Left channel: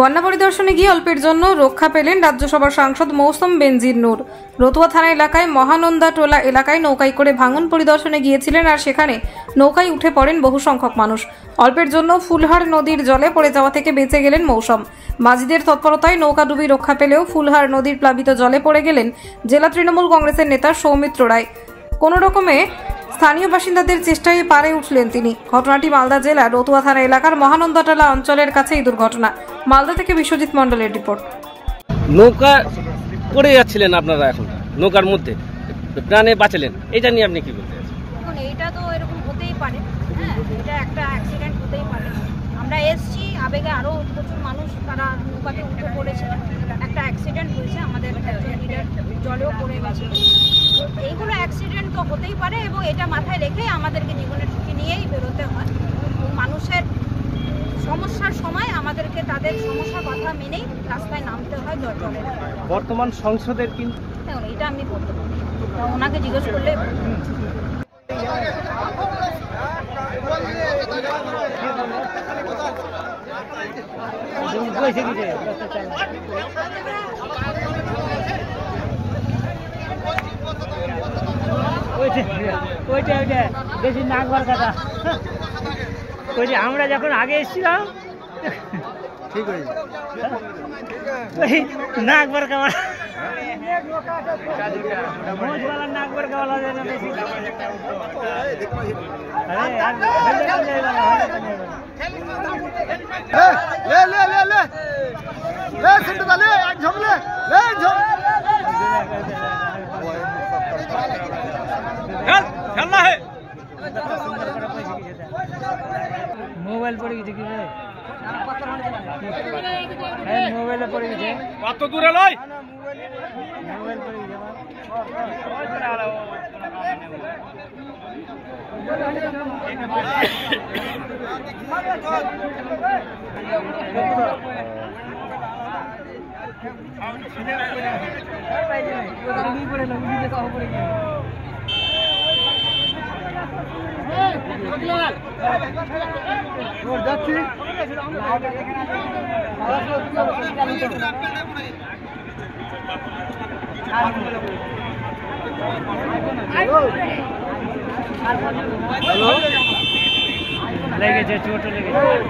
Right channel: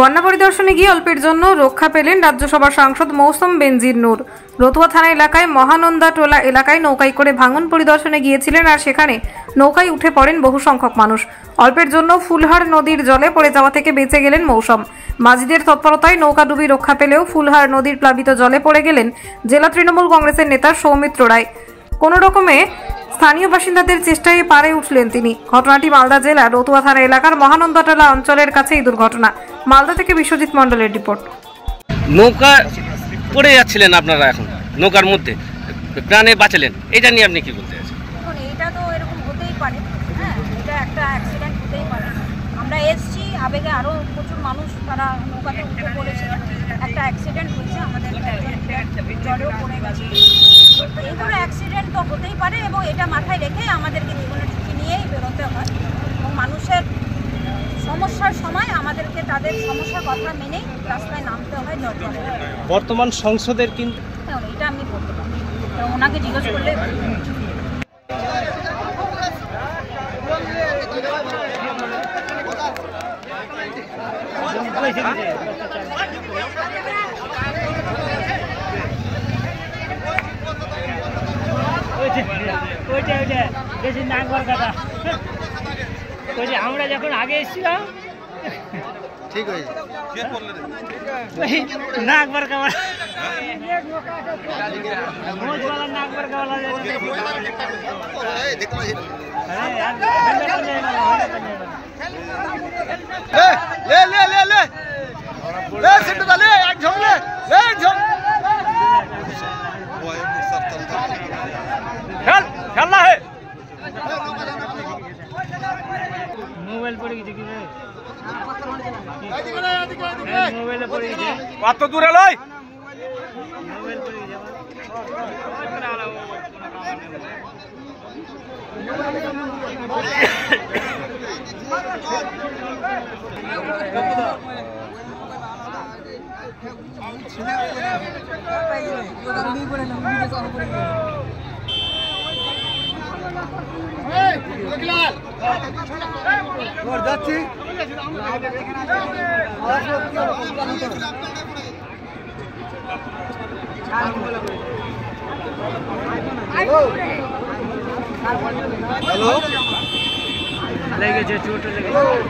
বন্যা পরিদর্শনে গিয়ে অল্পের জন্য রক্ষা পেলেন রাজ্যসভার সাংসদ মৌসুম বেনজির নূর। রতুয়া থানা এলাকায় মহানন্দা টোলা এলাকায় নৌকায় করে ভাঙন পরিদর্শনে গিয়েছিলেন, আর সেখানে নৌকায় উঠে পড়েন বহু সংখ্যক মানুষ। অল্পের জন্য ফুলহার নদীর জলে পড়ে যাওয়া থেকে বেঁচে গেলেন মৌসুম। মাঝিদের তৎপরতায় নৌকাডুবি রক্ষা পেলেও ফুলহার নদীর প্লাবিত জলে পড়ে গেলেন জেলা তৃণমূল কংগ্রেসের নেতা সৌমিত্র রায়। কোনো রকমে স্থানীয় বাসিন্দাদের চেষ্টায় পারে উঠলেন তিনি। ঘটনাটি মালদা জেলার রতুয়া থানা এলাকার মহানন্দাটোলা অঞ্চলের কাছে এই দুর্ঘটনা। মালদা থেকে বিশ্বজিৎ মণ্ডলের রিপোর্ট। নৌকা পড়ে যাচ্ছিলেন আপনারা, এখন নৌকার মধ্যে প্রাণে বাঁচালেন, এটা নিয়ে আপনি কি বলতে চাইছেন? এখন এটা তো এরকম হতেই পারে, হ্যাঁ, এটা একটা অ্যাক্সিডেন্ট হতেই পারে। আমরা এসছি, আবেগে আরও প্রচুর মানুষ তারা নৌকাতে উঠে পড়েছে, একটা অ্যাক্সিডেন্ট হয়েছে, আমাদের জলেও পড়ে গেছে। এইগুলো অ্যাক্সিডেন্ট তো হতেই পারে এবং এটা মাথায় রেখে আমাদেরকে জীবনের ঝুঁকি নিয়েই বেরোতে হয় এবং মানুষের সমস্যার সময় আমাদেরকে তাদের সমস্যার কথা মেনেই রাস্তায় নামতে হয়। বর্তমান সংসদের কিন্তু এটা আমি বলতে পারি, ওনাকে জিজ্ঞেস করলে। বেশি নাক বল কথা, ওই যে আমরা যখন আগে এসেছিলাম ঠিক হয়েছে নাক বর খাওয়া, নাক বর খাওয়া মোবাইল পড়ে গেছে, কি মোবাইলে পড়ে গেছে, কত দূরে লয় মোবাইল পড়ে গেছে। যাচ্ছি লেগেছে, চোট লেগেছে।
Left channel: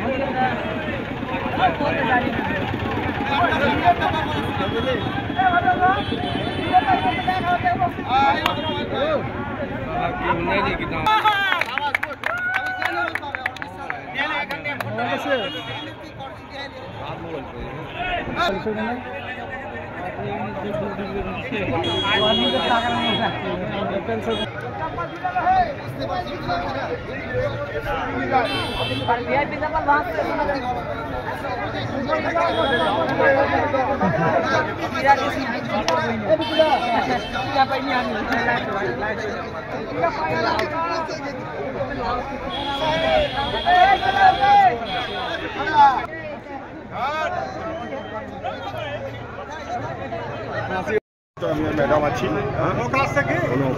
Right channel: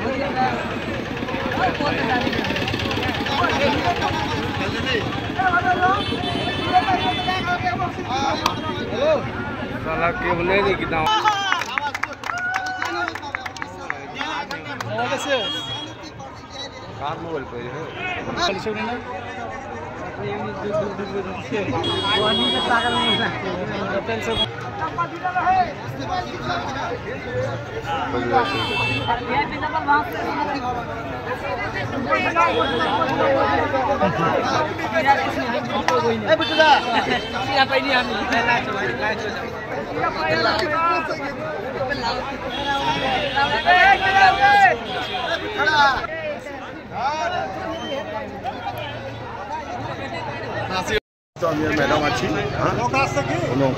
ম্যাডাম আছি,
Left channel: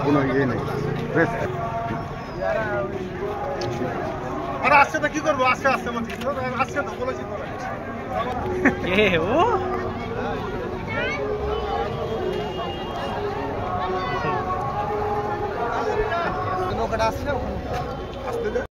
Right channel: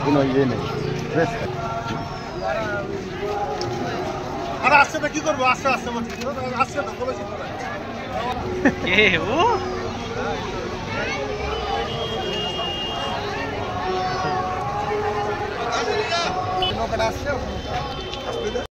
কোনো ইয়ে নেই। আর আসছে না কি করবো, আসছে আসছে বলছি, আসছে তো বলেছি আসছে